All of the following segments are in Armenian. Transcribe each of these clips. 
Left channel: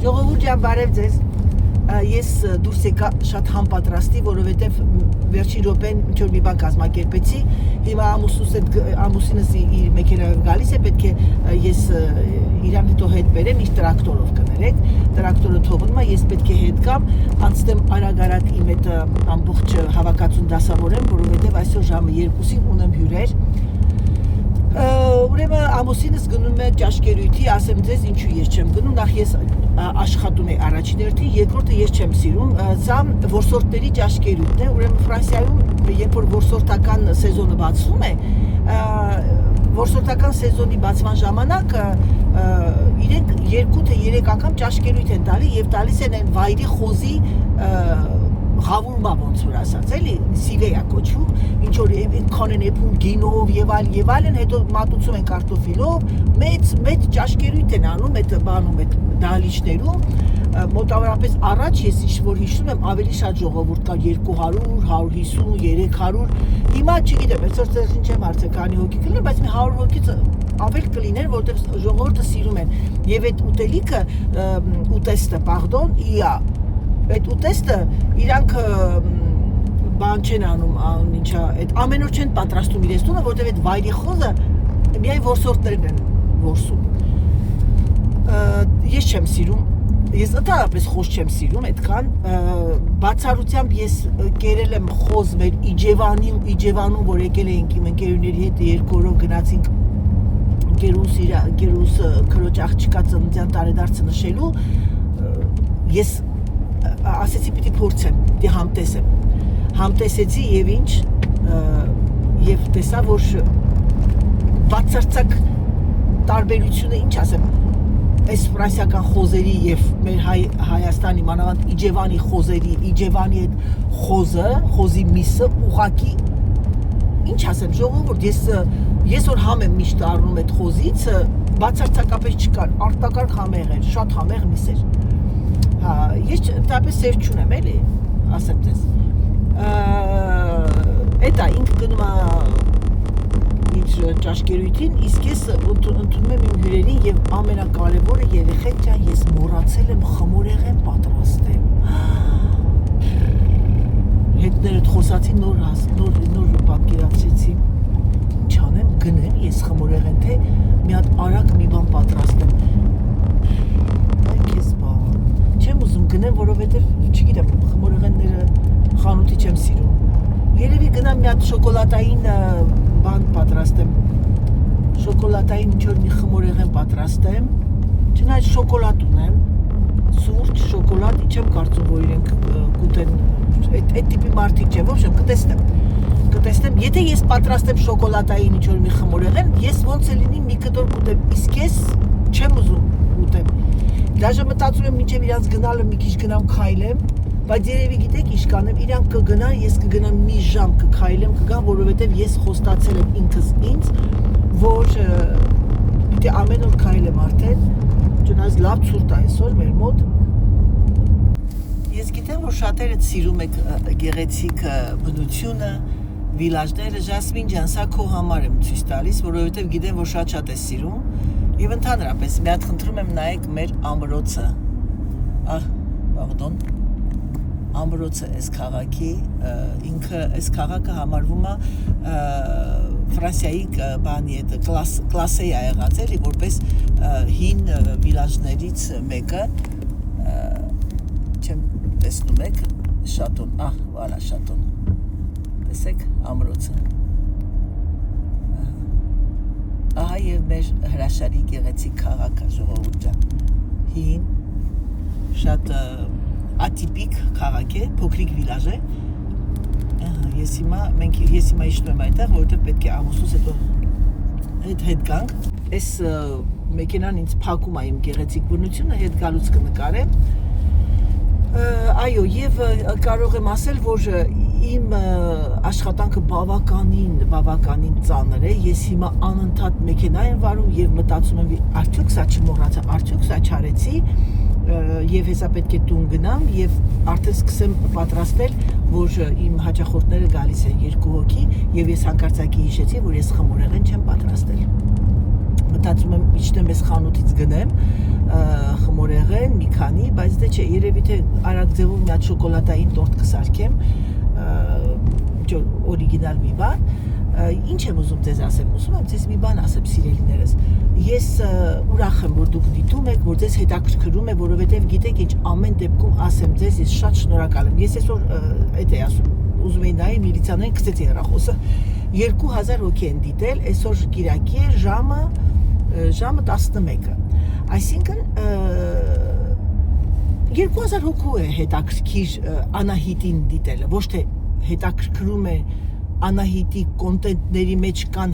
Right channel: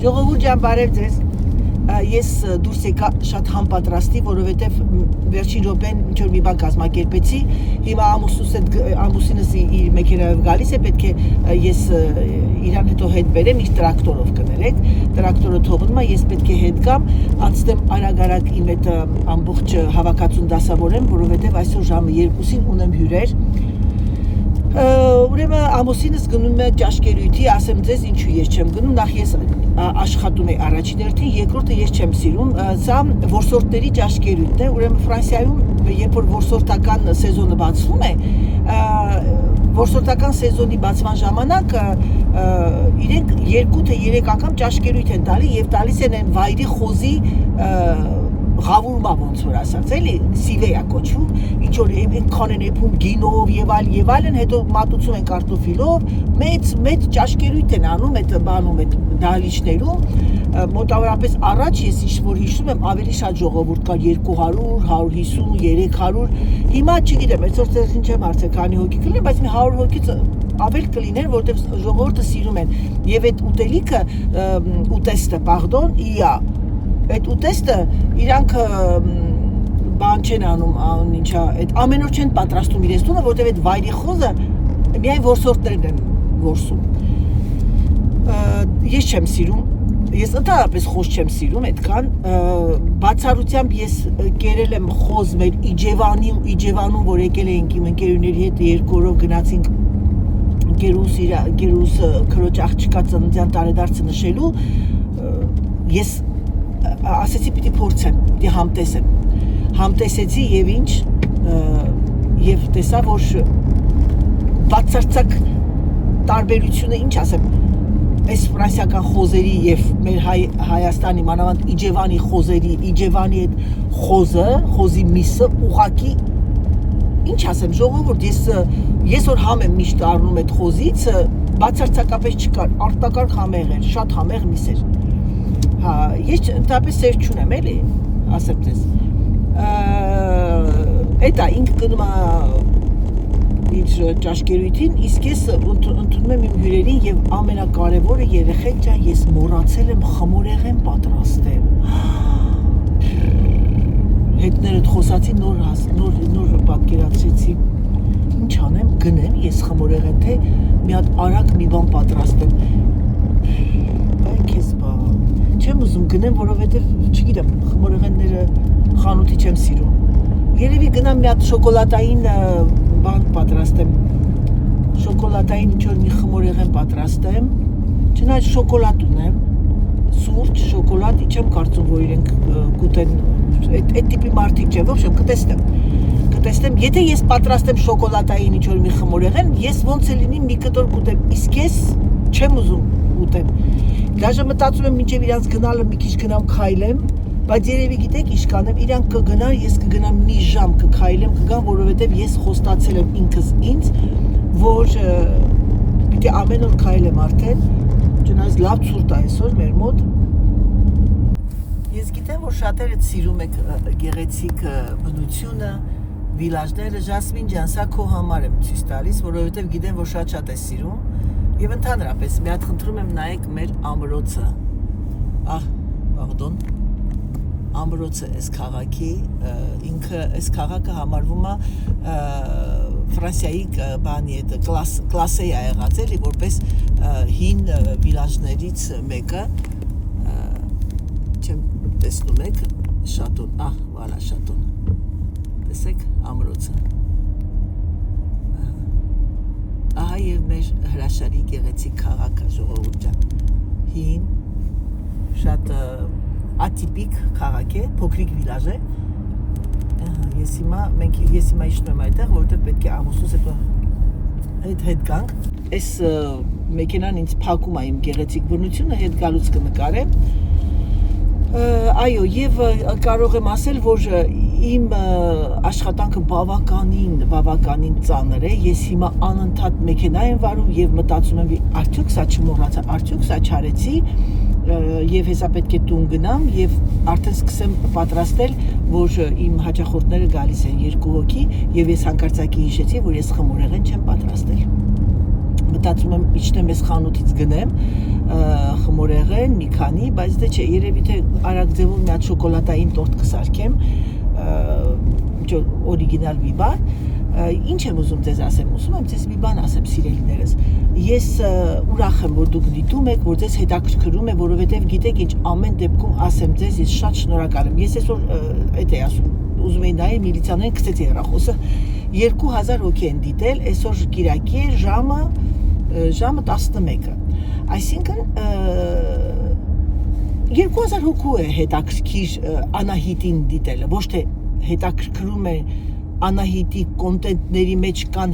Ժողովուրդ ջան, բարև ձեզ։ Ես դուրս եկա շատ համապատրաստի, որովհետև վերջին րոպեն ինչ-որ մի բան կազմակերպեցի։ Հիմա ամուսինս իր մեքենայով գալիս է, պետք է ես իրան հետո հետ բերեմ, իր տրակտորով կներեք։ Տրակտորը թողնում է, ես պետք է հետ գամ, անցնեմ արագ-արագ իմ այդ ամբողջ հավաքածուն դասավորեմ, որովհետև այսօր ժամը 2-ին ունեմ հյուրեր։ Ուրեմն ամուսինս գնում է ճաշկերույթի, ասեմ ձեզ ինչու ես չեմ գնում, նախ ես աշխատում եմ առաջին հերթին, երկրորդը ես չեմ սիրում, սա որսորդների ճաշկերույթն է, ուրեմն Ֆրանսիայում երբ որ որսորդական սեզոնը բացվում է, որսորդական սեզոնի բացման ժամանակ իրենք 2 թե 3 անգամ ճաշկերույթ են տալի եւ տալիս են այն վայրի խոզի Ղավուրմա ոնց որ ասած, էլի սիվեյա կոչվում, ինչ որ այնքան են եփում գինով եւ այլն, հետո մատուցում են կարտոֆիլով, մեծ ճաշկերույթ են անում այդ բանում, այդ դահլիճներում, մոտավորապես առաջ ես ինչ-որ հիշում եմ, ավելի շատ ժողովուրդ կար 200, 150, 300, հիմա չգիտեմ, այսօր ձեզ ինչ եմ հարցը քանի հոգի կլինի, բայց մի 100 հոգից ավել կլիներ, որտեղ ժողովուրդը սիրում են եւ այդ ուտելիքը, ուտեստը, իա այդ ուտեստը իրանք բան չեն անում, ինչա, այդ ամեն օր չեն պատրաստում իրենց տունը, որտեղ այդ վայրի խոզը միայն որսորդներն են որսում։ Ես չեմ սիրում, ես ընդհանրապես խոզ չեմ սիրում այդքան, բացառությամբ ես կերել եմ խոզ մեր Իջևանում, որ եկել էինք իմ ընկերուների հետ 2 օրով գնացինք գերուս քրոջ աղջկա ծննդյան տարեդարձը նշելու, ես ասեցի պիտի փորձեմ, պիտի համտեսեմ, համտեսեցի եւ ինչ, եւ տեսա, որ բացարձակ տարբերությունը, ինչ ասեմ, այս ֆրանսիական խոզերի եւ մեր Հայաստանի մանավանդ Իջևանի խոզերի, Իջևանի այդ խոզի միսը ուղակի, ինչ ասեմ, ժողովուրդ, ես որ համ եմ միշտ առնում այդ խոզից, բացարձակապես չկար, արտակարգ համեղ էր, շատ համեղ միս էր։ Հա, ես ընդհանրապես սեր չունեմ, էլի, ասեմ ձեզ։ Էտա ինքը գնում է իր ճաշկերույթին, իսկ ես ընդունում եմ իմ հյուրերին եւ ամենակարևորը երեխեք ջան, ես մոռացել եմ խմորեղեն պատրաստեմ։ Հետներդ խոսացի նոր պատկերացրեցի։ Ինչ անեմ, գնեմ ես խմորեղեն, թե մի հատ արագ մի բան պատրաստեմ։ Չեմ ուզում գնեմ, որովհետև, չգիտեմ, խմորեղենները խանութի չեմ սիրում։ Երևի գնամ մի հատ շոկոլադային բան պատրաստեմ, շոկոլադային ինչ-որ մի խմորեղեն պատրաստեմ, չնայած շոկոլադ ունեմ, սուրճ, շոկոլադ, չեմ կարծում, որ իրենք կուտեն, այդ տիպի մարդիկ չեմ, ոբշեմ, կտեսնեմ, եթե ես պատրաստեմ շոկոլադային ինչ-որ մի խմորեղեն, ես ոնց է լինի մի կտոր կուտեմ, իսկ ես չեմ ուզում ուտեմ։ Դաժե մտածում եմ մինչև իրանց գնալը մի քիչ գնամ քայլեմ, բայց երևի գիտեք ինչ կանեմ, իրանք կգնան, ես կգնամ մի ժամ կքայլեմ, կգամ, որովհետև ես խոստացել եմ ինքս ինձ, որ պիտի ամեն օր քայլեմ արդեն, չնայած լավ ցուրտ է այսօր մեր մոտ։ Ես գիտեմ, որ շատերդ սիրում եք գեղեցիկ բնությունը, վիլաժները, Ժասմին ջան, սա քո համար եմ ցույց տալիս, որովհետև գիտեմ, որ շատ է սիրում։ Եվ ընդհանրապես մի հատ խնդրում եմ նայեք մեր ամրոցը, ամրոցը այս քաղաքի, ինքը այս քաղաքը համարվում է Ֆրանսիայի բանի հետ կլասեի ա եղած էլի, որպես հին վիլաժներից մեկը, չեմ տեսնում եք, շատոն, վալա շատոն, տեսեք ամրոցը։ Ահա եւ մեր հրաշալի գեղեցիկ քաղաքը ժողովուրդ ջան։ Հին, շատ ատիպիկ քաղաք է, փոքրիկ վիլաժ է։ Ես հիմա իջնում եմ այդտեղ, որովհետեւ պետք է ամուսնուս հետ գանք։ Այս մեքենան ինձ փակում է իմ գեղեցիկ բնությունը, հետ գալուց կնկարեմ։ Այո, եւ կարող եմ ասել, որ իմ աշխատանքը բավականին ծանր է, ես հիմա անընդհատ մեքենա եմ վարում եւ մտածում եմ, արդյոք սա չմոռացա, արդյոք սա չարեցի եւ հեսա պետք է տուն գնամ եւ արդեն սկսեմ պատրաստել, որ իմ հաճախորդները գալիս են 2 հոգի եւ ես հանկարծակի հիշեցի, որ ես խմորեղեն չեմ պատրաստել։ Մտածում եմ իջնեմ ես խանութից գնեմ խմորեղեն են մի քանի, բայց դե չէ, երևի թե արագ ձևով մի հատ շոկոլադային տորտ կսարքեմ, օրիգինալ մի բան։ Ինչ եմ ուզում ձեզ ասեմ, ուզում եմ ձեզ մի բան ասեմ, սիրելիներս։ Ես ուրախ եմ, որ դուք դիտում եք, որ ձեզ հետաքրքրում է, որովհետև գիտեք ինչ, ամեն դեպքում ասեմ ձեզ, ես շատ շնորհակալ եմ։ Ես այսօր այդ էի ասում, ուզում էի նայել միլիցիաները գցեցի հեռախոսը 2000 հոգի են դիտել, այսօր կիրակի է, ժամը 11-ը։ Այսինքն 2000 հոգու է հետաքրքիր Անահիտին դիտելը, ոչ թե հետաքրքրում է Անահիտի կոնտենտների մեջ կան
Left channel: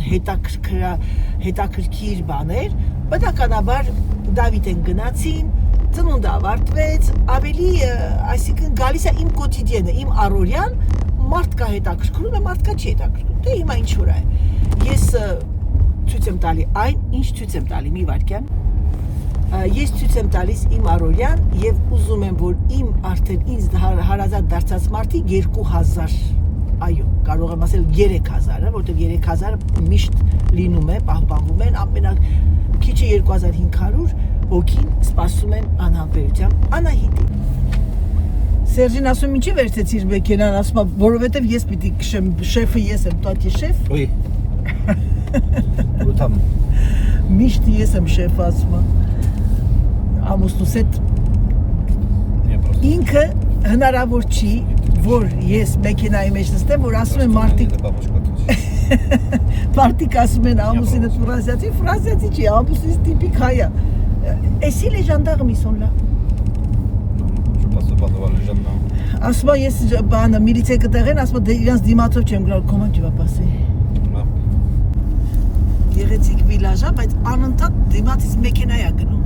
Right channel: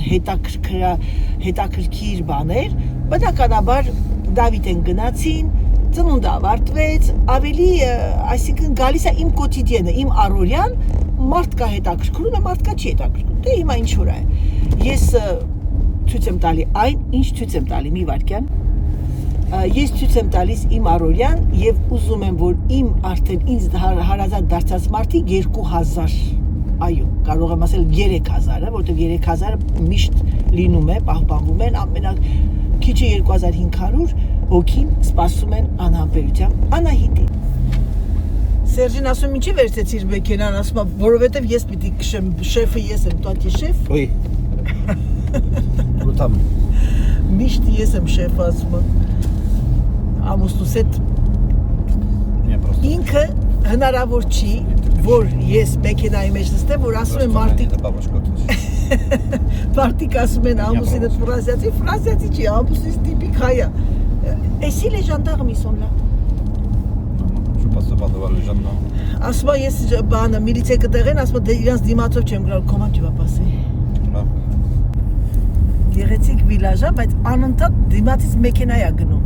հետաքրքիր բաներ, բնականաբար Դավիթեն գնացին, ծնունդ ավարտվեց, ավելի, այսինքն գալիս է իմ կոտիդիենը, իմ առօրյան, մարդ կա հետաքրքրում է, մարդ կա չի հետաքրքրում, դե հիմա ինչ որ է։ Ես ցույց եմ տալի այն, ինչ ցույց եմ տալի, մի վարքյան։ Ես ցույց եմ տալիս իմ առօրյան եւ ուզում եմ, որ իմ արդեն ինձ հարազատ դարձած մարդիկ 2000, այո, կարող եմ ասել 3000-ը, որտեղ 3000-ը միշտ լինում է, պահպանվում են, ամենաքիչը 2500 հոգին սպասում են անհամբերությամբ Անահիտին։ Սերժին ասում ինչի վերցեցիր մեքենան, ասում է, որովհետև ես պիտի քշեմ, շեֆը ես եմ, տատի շեֆ։ Oui. Ուտամ։ Միշտ ես եմ շեֆ ասում։ Ամուսնուս հետ ինքը հնարավոր չի, որ ես մեքենայի մեջ նստեմ, որ ասում են մարդիկ ասում են ամուսինը ֆրանսիացի չի, ամուսինս տիպիկ հայ է։ Էսի les gendarmes ils sont là։ Je passe pas devant les gendarmes։ Ասում է ես բանը միլիցիա կտեղեն, ասում է իրանց դիմացով չեմ գնալ, comment tu vas passer։ Գեղեցիկ վիլաժ է, բայց անընդհատ դիմացից մեքենա է գնում։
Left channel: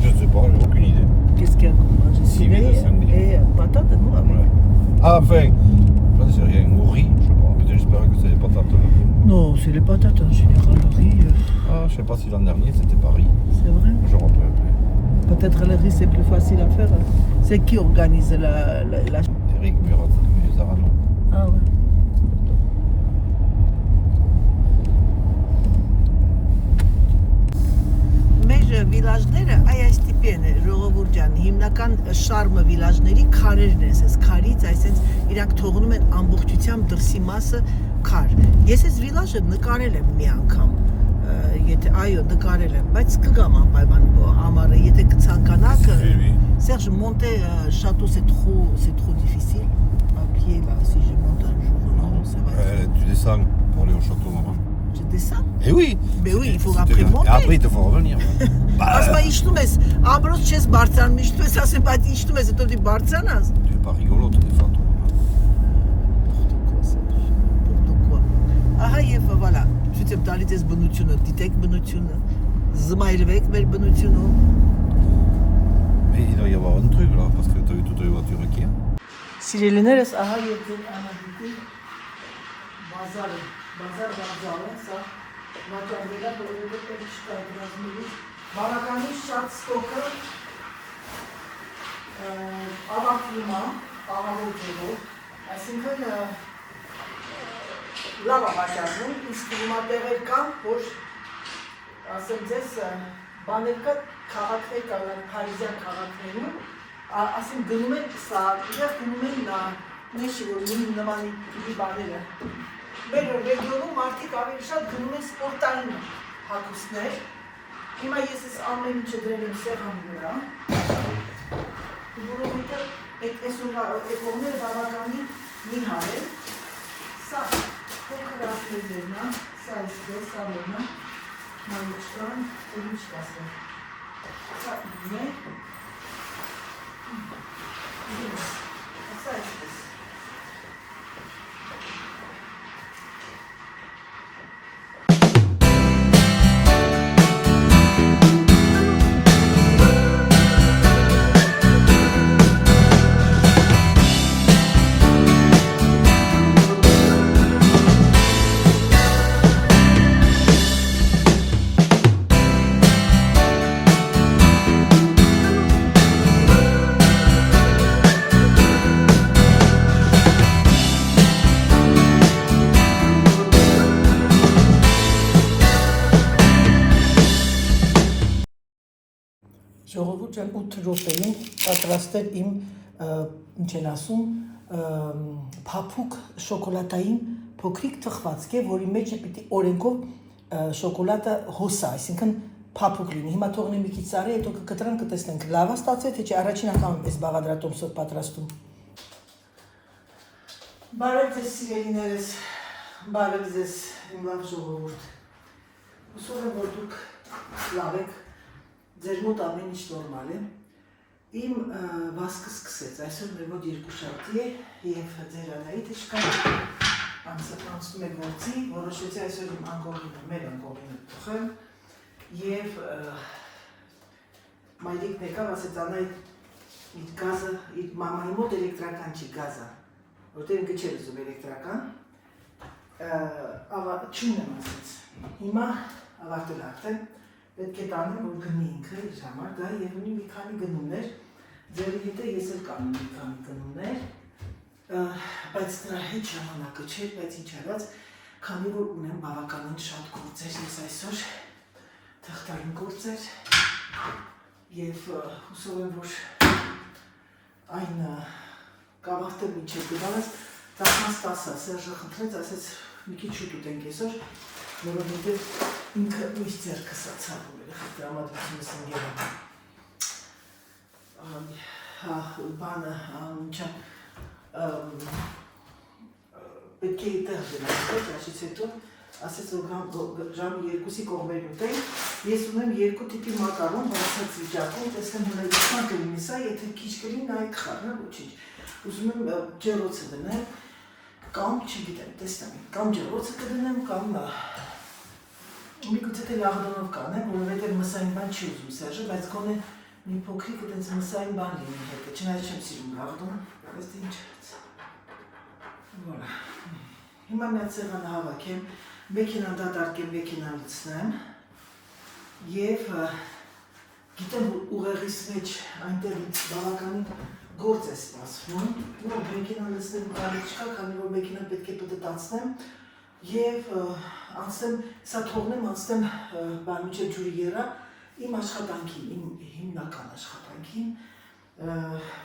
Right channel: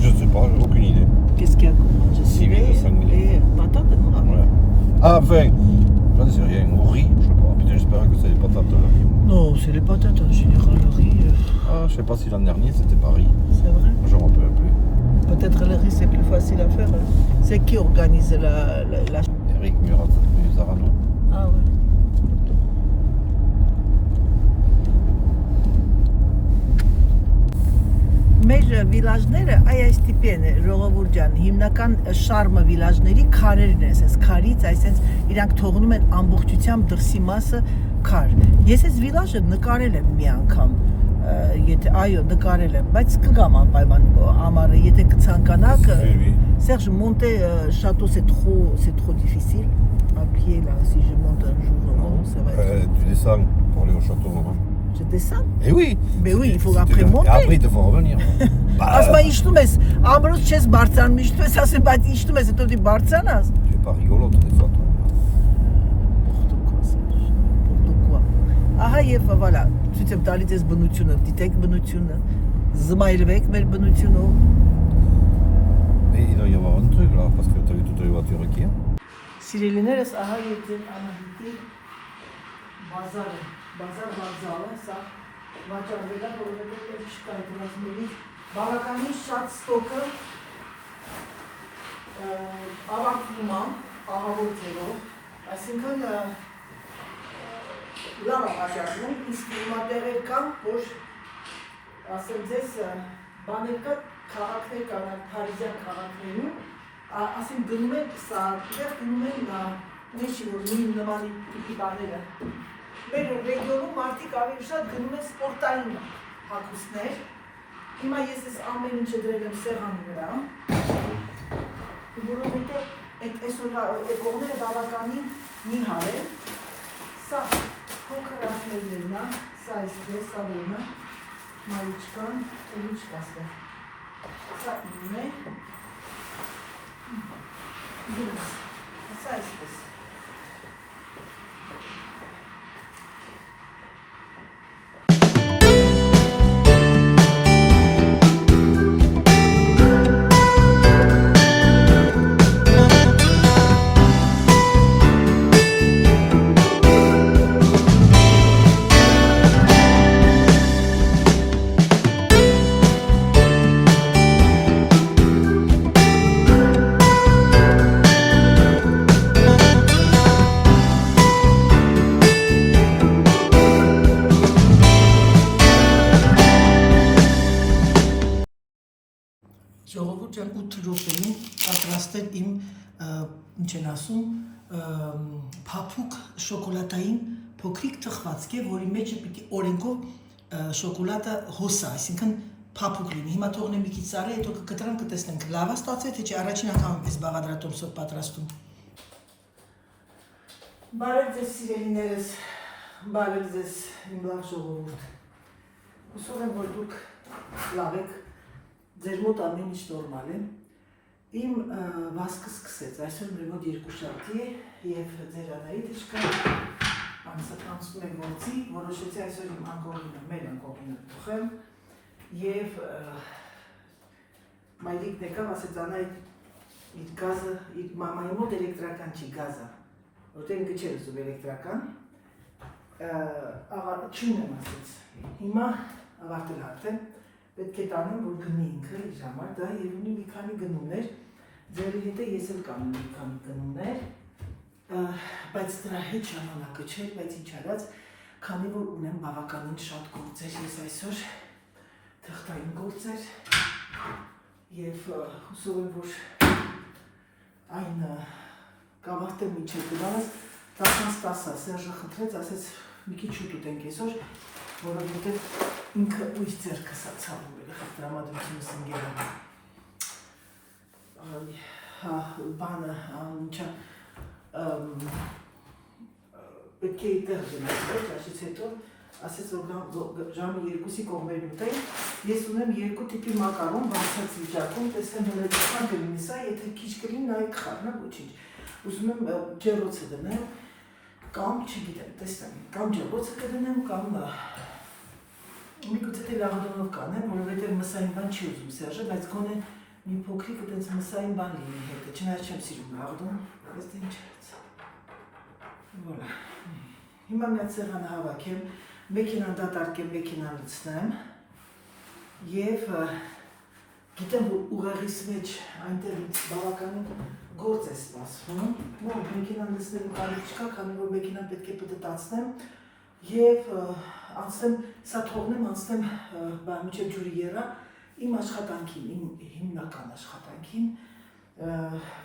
Je sais pas, j'ai aucune idée. Qu'est-ce qu'il y a comme manger? Civet et patates, non avec. Ah, enfin, j'en sais rien, au riz, je sais pas. Putain, j'espérais que c'est les patates. Non, c'est les patates en général, le riz. Ah, je sais pas si l'an dernier c'était pas riz. C'est vrai? Je me rappelle plus. Peut-être le riz c'est plus facile à faire. C'est qui organise la... Eric Musarano. Ah ouais. Մեր վիլաժները այս տիպի են, Ժողովուրդ ջան, հիմնական շարմը վիլաժների քարերն են, այս քարից, այսինքն իրանք թողնում են ամբողջությամբ դրսի մասը քար։ Ես այս վիլաժը նկարել եմ մի անգամ, եթե այո, նկարել եմ, բայց կգամ անպայման ամառը, եթե կցանկանաք, Serge, monter château c'est trop difficile à pied là, si je monte un jour, ça va être... Tu descends pour aller au château, maman. Je descends? Eh oui! Mais oui, il faut après monter. Et après, il te faut revenir. Ասում ես իշտում ես, ամրոց չես բարձրանում, իշտում ես, ասում բայց իշտում ես, հետո դի բարձրանաս։ Tu es pas rigolote des fois. Pourquoi? Ահա եւ voilà, ցույց եմ տալիս այս բնությունը, դիտեք բնությունը, զմայրվեք մեր բնությունում։ Mais il doit y avoir un truc là, parce que tu as vu toutes les voitures qui sont. Սիրելիներս, ահա եւ ձեր Անահիտի բազարը, բազարը, սա վաճառվելա, որովհետեւ չկա դրանց մենից բավականին շատ ստոկը ավարտվում է աղավոր ձևով, այսինքն լավ է վաճառվում, իսկ հիմա տեղեր կան, որ ասեմ ձեզ բաներ կա քաղաքներ կան, փարիզյան քաղաքներում, ասեմ գնում են սա, իրար գնում են նեշի, որ նման տիպի բաները։ Մեր ռեգիոնում մարդիկ ավելի շատ գնում են սպորտային հագուստներ։ Հիմա ես ես ամեն ինչը դրել եմ սեղանի վրա, որովհետև այդ կողմերը բավականին նիհար են։ Սա փոքրացնելն է, սա այսպես, սա որն է, մայիչկան, ու ինչ կասեմ։ Սա ինն է, սա այսպես։ 8 րոպեում պատրաստել իմ ինչ են ասում փափուկ շոկոլադային փոքրիկ թխվածք է, որի մեջ պիտի օրենքով շոկոլադը հոսա, այսինքն փափուկ լինի։ Հիմա թողնեմ մի քիչ սարի, հետո կկտրեմ, կտեսնենք լավ է ստացել, թե չէ, առաջին անգամ եմ այս բաղադրատոմսով պատրաստում։ Բարև ձեզ սիրելիներս, բարև ձեզ իմ լավ ժողովուրդ։ Հուսով եմ, որ դուք լավ եք, ձեր մոտ ամեն ինչ նորմալ է։ Իմ վազքը սկսեց, այսօր մեր մոտ երկուշաբթի է և ձեր Անահիտը շկա անցնում է գործի, որոշեցի այսօր իմ անկողինը, մեր անկողինը թխեմ և մայրիկն եկավ, ասեց Անահիտ իր գազը, իր մամայի մոտ էլեկտրական չի գազը, որտեղ ինքը չէր ուզում էլեկտրական, չունեմ ասեց, հիմա ավարտել արդեն, պետք է տանեմ, որ գնի ինքը իր համար, դա և ունի մի քանի գնումներ, ձերի հետ է ես էլ կանում մի քանի գնումներ, բայց դրա հետ ժամանակը չէր, բայց ինչ արած, քանի որ ունեմ բավականին շատ գործեր, ես այսօր թղթային գործեր և հուսով եմ, որ այն կավարտեմ միջև գնալս, 10-10-ը Սերժը խնդրեց, ասեց մի քիչ շուտ ուտենք այսօր, որովհետև ինքը միշտ ձեռքը սա ցավում էր, դրամատրությունս ընկերը։ Բանը, ինչա, պետք է տեղ գնացել, ճաշից հետո, ասեց, որ ժամի 2-ի կողմերի ուտենք, ես ունեմ 2 տիպի մակարոն, բացած վիճակում, տեսնեմ հնարեցման կլինի սա, եթե քիչ կլինի, նայ կխառնեմ ու չիչ, ուզում եմ ջեռոցը դնեմ, կամ, չգիտեմ, տեսնեմ, կամ ջեռոցը կդնեմ, կամ մի գուցե թե լաղդոնով կանեմ, որովհետև մսային բան չի ուզում Սերժը, բայց գոնե մի փոքրիկ այդպես մսային բան լինի հետը, չնայած չեմ սիրում լաղդոն, բայց դե ինչ արած։ Voilà։ Հիմա մի հատ սեղան հավաքեմ, մեքենան դատարկեմ, մեքենան լցնեմ և գիտեմ, որ ուղեղիս մեջ այնտեղից բավականին գործ է սպասվում, որ մեքենան լցնելու կարիք չկա, քանի որ մեքենան պետք է պտտացնեմ և անցնեմ, սա թողնեմ, անցնեմ մինչև ջուրի եռա իմ աշխատանքին, իմ հիմնական աշխատանքին,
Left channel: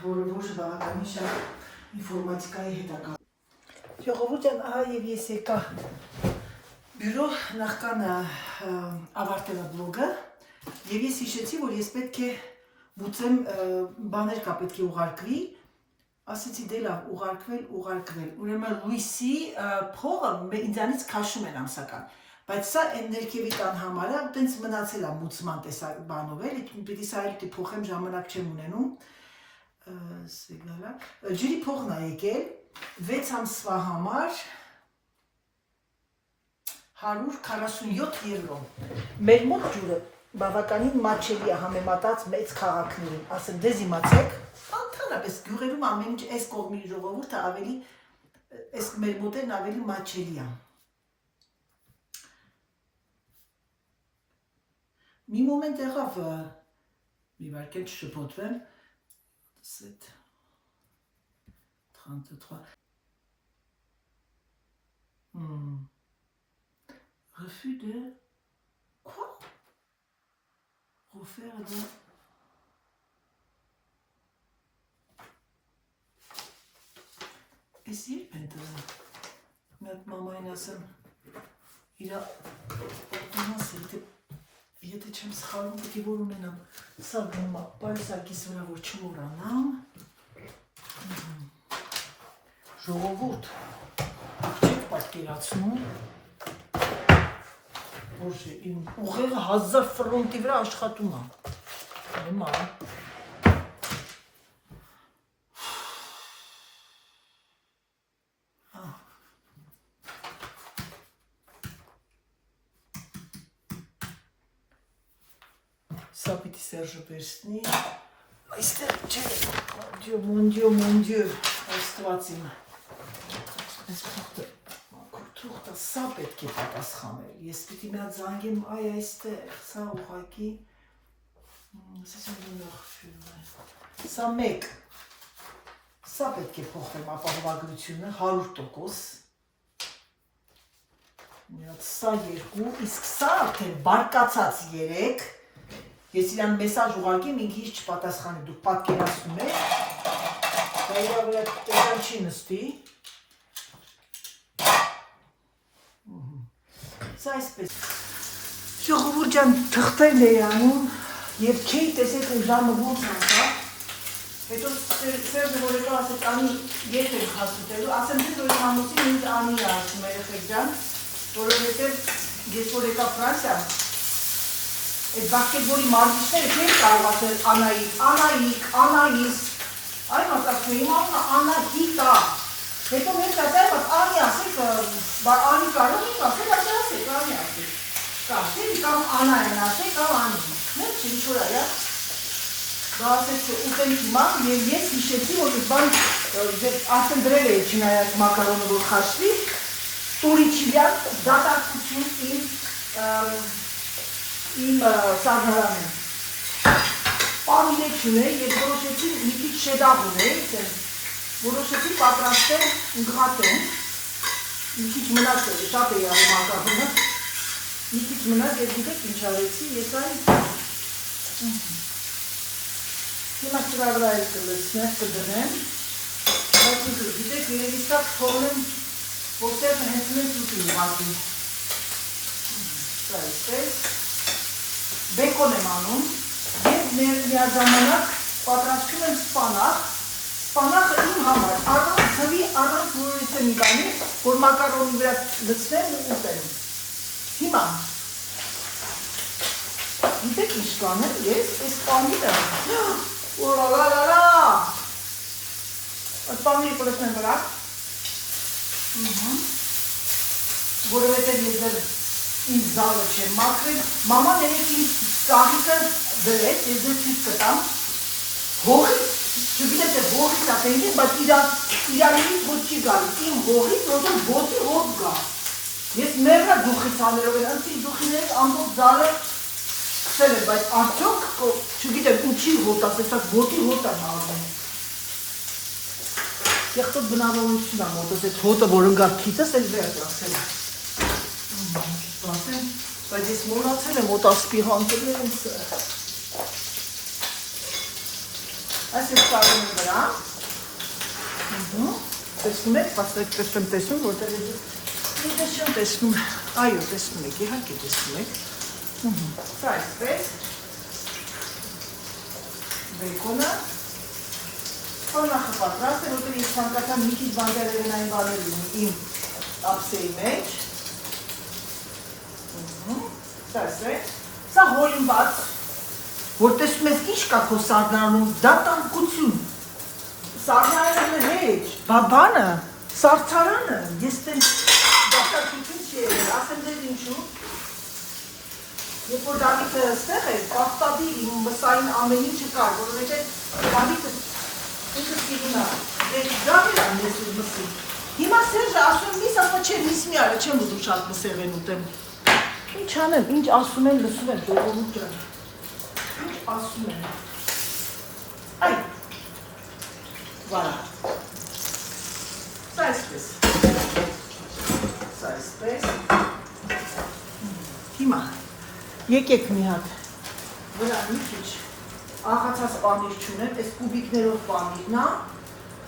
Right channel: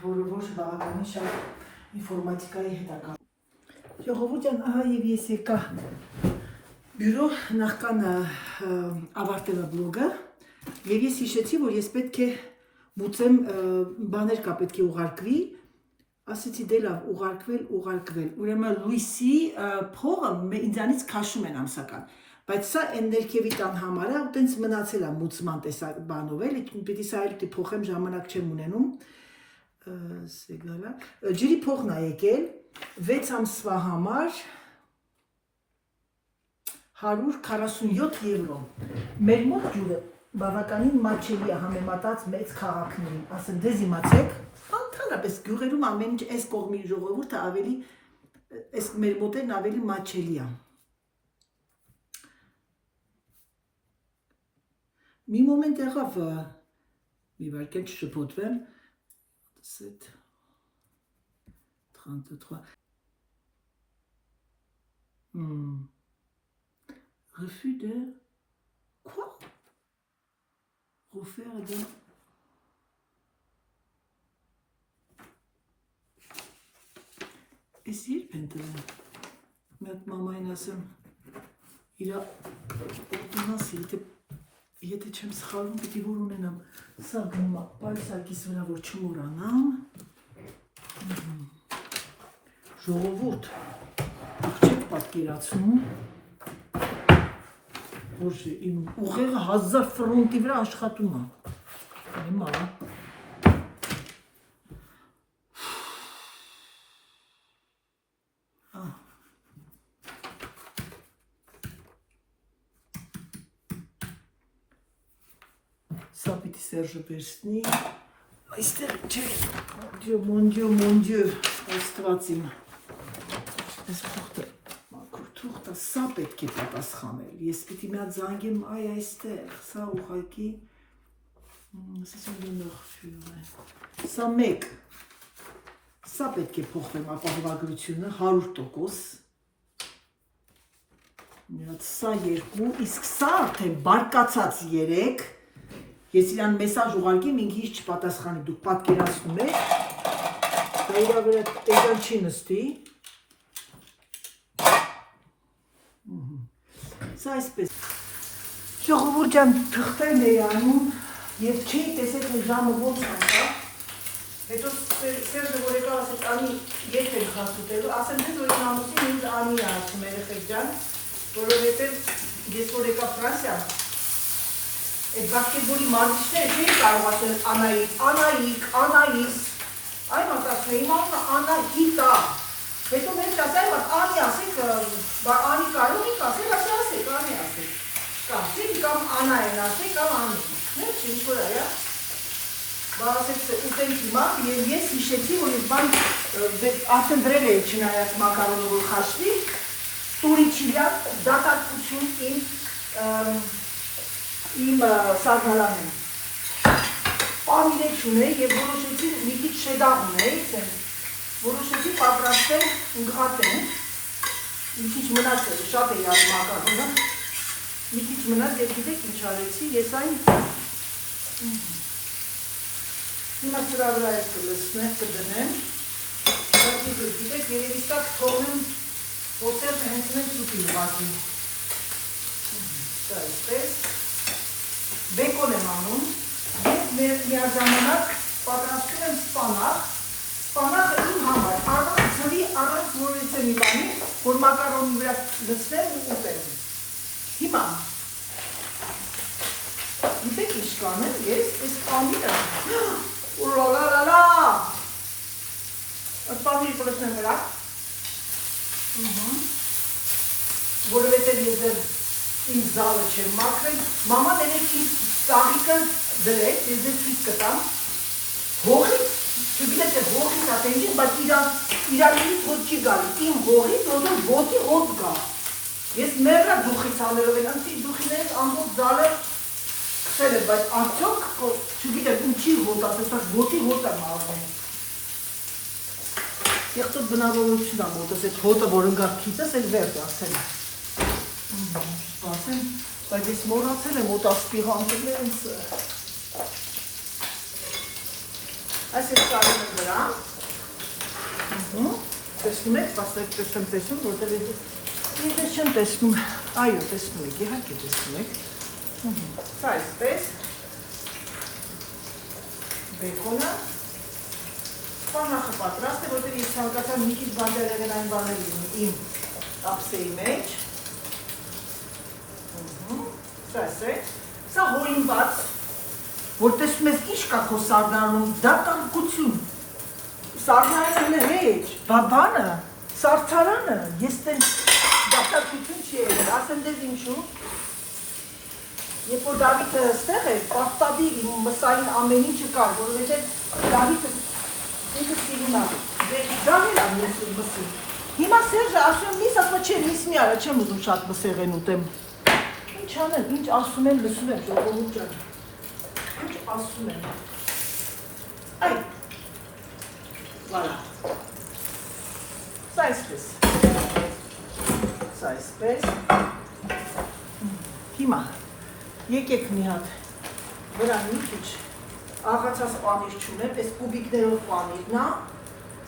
որը որ բավականին շատ ինֆորմատիկայի հետագա։ Ժողովուրդ եմ, ահա և ես եկա բյուրո նախքան ավարտելը բլոգը և ես հիշեցի, որ ես պետք է բուծեմ բաներ կա պետք է ուղարկվի, ասեցի դե լավ ուղարկվել, ուրեմն լույսի փողը ինձանից քաշում են ամսական, բայց սա են ներքևի տան համար է, ու տենց մնացել է մուծման տեսակ բանով էլ, պիտի սա էլ պիտի փոխեմ, ժամանակ չեմ ունենում, ջրի փողն է եկել, 6 ամսվա համար 147 եվրո, մեր մոտ ջուրը բավականին մատչելի է համեմատած մեծ քաղաքներին, ասեմ դեզ իմացեք, ընդհանրապես գյուղերում ամեն ինչ այս կողմի ժողովուրդը ավելի, այս մեր մոտերն ավելի մատչելի է։ Մի մոմենտ եղավ, մի վարկյան չշփոթվեմ, 7, 33, refus de, quoi? Refaire de, Ես երբ են տվել, մեկ մամային ասեմ, իրա օրդինասը, եթե չեմ սխալվում, պիտի որ ունենամ, սա պայսակիս վրա, որ չմորանամ, ժողովուրդ, դուք չեք պատկերացնում, որ իմ ուղեղը 1000 ֆրոնտի վրա աշխատում է, հիմա, Սա պիտի Սերժը վերցնի, այստեղ չէ, mon Dieu, այստված իմ, այս թուղթը սա պետք է պատասխանել, ես պիտի մի հատ զանգեմ, այ այստեղ, սա ուղղակի, սա մեկ, սա պետք է փոխեմ ապահովագրությունը 100%, սա 2, իսկ սա արդեն բարկացած 3, Ես իրան մեսաժ ուղարկեմ, ինքը ինչ չպատասխանի, դուք պատկերացնում եք։ Դա իրա վրա այդքան չի նստի։ Սա այսպես։ Ժողովուրդ ջան, թղթերն էի անում եւ չէի տեսել թե ժամը ոնց անցա։ Հետո Սերժը որ եկավ ասեց անի երբ եք հասուտելու, ասեմ թե որ համոսին ինձ անի ասում երեխեք ջան, որովհետեւ ես որ եկա Ֆրանսիա, այդ բասկետբոլի մարզիչները չէին կարող ասել Անայիկ, այն ասացին իմ անունը Անահիտ է։ Հետո մենք ասել անի ասեք, անի կարող եք ասել, ասեք, անի ասեք։ Կամ Անա են ասել, կամ Անի։ Մենք ինչ որ այա։ Բա ասեց ուտենք հիմա եւ ես հիշեցի որ ես բան արդեն դրել էի չնայած մակարոնը որ խաշվի, տուրիչիլյան դատարկություն իմ սարդարանին։ Պարուներ չունեի եւ որոշեցի մի քիչ շեդաղ ունեի, որոշեցի պատրաստել ընկղատեն, մի քիչ մնաց էր, շատ էի արի մակարոնը, մի քիչ մնաց եւ գիտեք ինչ արեցի, ես այն հիմա սրա վրա ես կլսնեմ, կդնեմ, բայց գիտեք երևի սա թողնեմ, որ Սերժը հենց մենք ուտին ուղղակի։ Սա այսպես, բեկոն եմ անում եւ միաժամանակ պատրաստում եմ սպանախը իմ համար, առանց ցավի, առանց որևէ մի բանի, որ մակարոնի վրա լցնեմ ու ուտեմ։ Հիմա գիտեք ինչ կանեմ, ես այս պանիրը ուրալալալա այդ պանիրը կլցնեմ վրա որովհետև ես իմ զալը չեմ մաքրել, մաման երեք իմ սաղիկը դրեց, ես ձեզ ցույց կտամ, հողից, չգիտեմ թե հողից ատենի, բայց իրարից հոտ չի գալիս, իմ հողից որդում ոտի հոտ գա, ես մեղրա դուխից աներով են, անցի դուխիներից ամբող զալը խսել է, բայց արդյոք, չգիտեմ ինչի հոտ ասեցակ, ոտի հոտ եմ ալվում, Եղծոտ բնավորություն եմ ոտոս, այդ հոտը, որ ընգար քիծս, էլ վերդ ասել է։ Բայց ես մորացել եմ ոտասպի հանկելի է ինձ։ Այս ես կարին վրա։ Տեսնում եք, պասրեք պես չեմ տեսնում, որտեղ ես չեմ տեսնում, այո, տեսնում եք, իհարկե տեսնում եք։ Սա այսպես, բեկոնը, Սպանախը պատրաստ է, որտեղ ես ցանկացա մի քիչ բանդերերեն այն բաներ իմ ապսեի մեջ։ Սա հոլինված, որ տեսնում ես ինչ կա քո սարդարանում, դա տանկություն։ Սարդարանը հեչ, բաբանը, սարդարանը, ես տեն դաշտակություն չի եղել, ասեմ ձեզ ինչու։ Երբ որ Դավիթը ստեղ էր, կապտադի ինում բսային ամեն ինչը կար, որովհետև Դավիթը ինքը սիրում է, դավեր եմ ես ուր մսին։ Հիմա Սերժը ասում եմ, ես ասում չեմ, ես մի արը չեմ ուզում շատ մսեղեն ուտեմ։ Ինչ անեմ, ինչ ասում են, լսում եմ, ժողովուրդ ջան։ Ինչ ասում են։ Այ, վարա։ Սա այսպես։ Սա այսպես։ Հիմա, եկեք մի հատ, վրա մի քիչ աղացած պանիր չունեմ, այս կուբիկներով պանիրն է,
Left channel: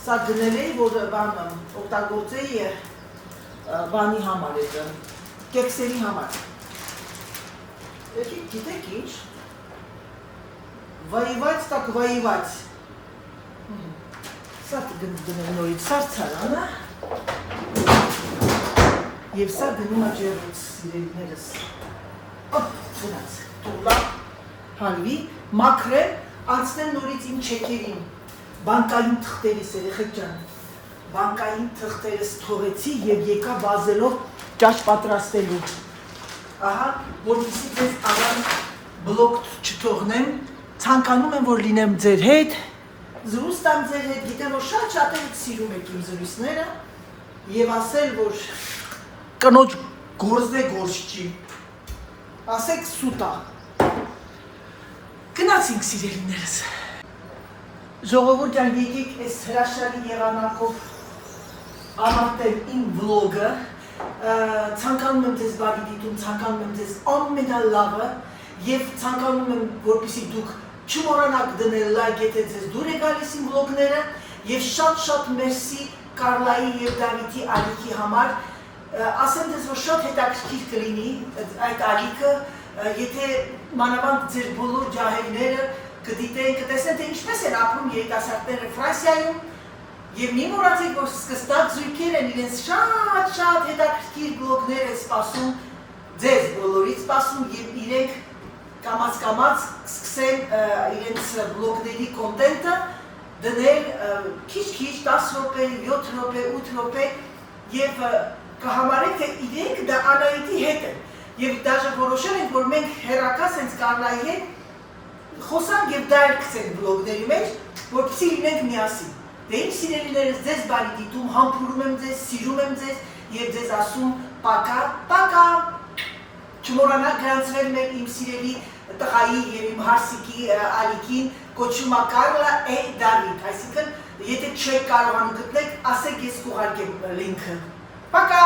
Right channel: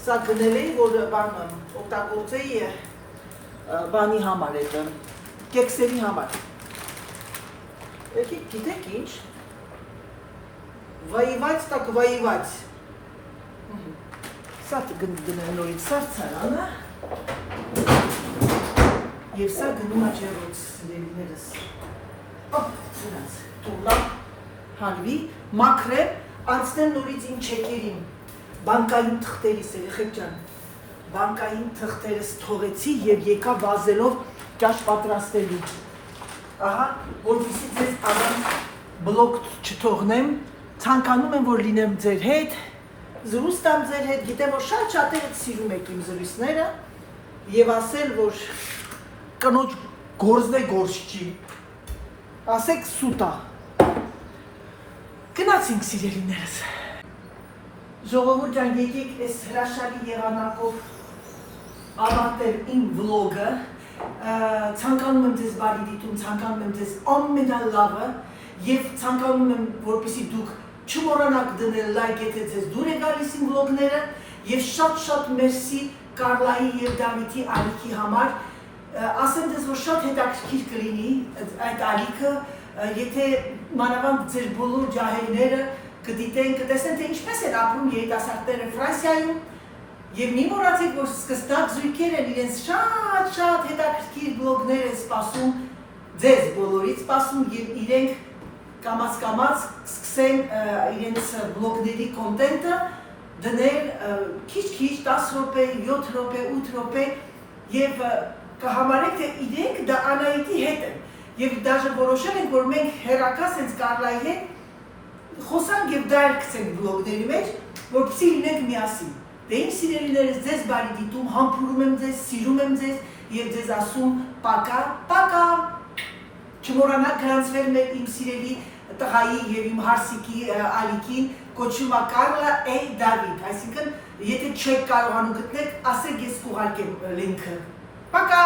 սա գնել էի, որ բանը օգտագործեի բանի համար է, կեքսերի համար։ Եկեք գիտեք ինչ, վայիված տակ վայիված, սա գնեմ նորից սարցարանը, և սա գնում է ջերոց սիրելիներս, սրանց, թուլա, հանվի, մաքրեմ, անցնեմ նորից իմ չեկերին, բանկային թղթերիս երեխեք ջան, բանկային թղթերս թողեցի և եկա վազելով ճաշ պատրաստելու, ահա, որպեսզի ձեզ աղան բլոկ չթողնեմ, ցանկանում եմ, որ լինեմ ձեր հետ, զրուստ եմ ձեր հետ, գիտեմ, որ շատ եք սիրում եք իմ զրույցները և ասել, որ կնոջ գործն է գործ չի, ասեք սուտ է, գնացինք սիրելիներս, ժողովուրդ ջան եկեք այս հրաշալի եղանակով ավարտել իմ վլոգը, ցանկանում եմ ձեզ բարի դիտում, ցանկանում եմ ձեզ ամենալավը եւ ցանկանում եմ որպեսզի դուք չմոռանաք դնել լայք, եթե ձեզ դուր է գալիս իմ վլոգները եւ շատ մերսի Կարլայի եւ Դավիթի ալիքի համար։ Ասեմ դες որ շատ հետաքրքիր կլինի այդ ալիքը, եթե մանավանդ ձեր բոլոր ջահելները կդիտեն, կտեսնեն թե ինչպես են ապրում երիտասարդները Ֆրանսիայում եւ մի մոռացեք որ սկսնակ զույգեր են իրենց շատ հետաքրքիր բլոգներ են սպասում ձեզ բոլորից սպասում եւ իրենք կամաց սկսեն իրենց բլոգների կոնտենտը դնել քիչ 10 րոպե, 7 րոպե, 8 րոպե եւ կհամարեք թե իրենք դա Անահիտի հետ են եւ դաժե որոշել ենք որ մենք հերակա sense Կարլայի հետ խոսանք եւ դա երկցենք բլոգների մեջ որպեսզի լինենք միասին դե իմ սիրելիներս ձեզ բարի դիտում համբուրում եմ ձեզ սիրում եմ ձեզ եւ ձեզ ասում պակա չմոռանաք գրանցվել մեր իմ սիրելի տղայի եւ իմ հարսիկի ալիքին կոչվում է Կարլա A. David այսինքն եթե չեք կարողանում գտնել ասեք ես կուղարկեմ լինքը Пока!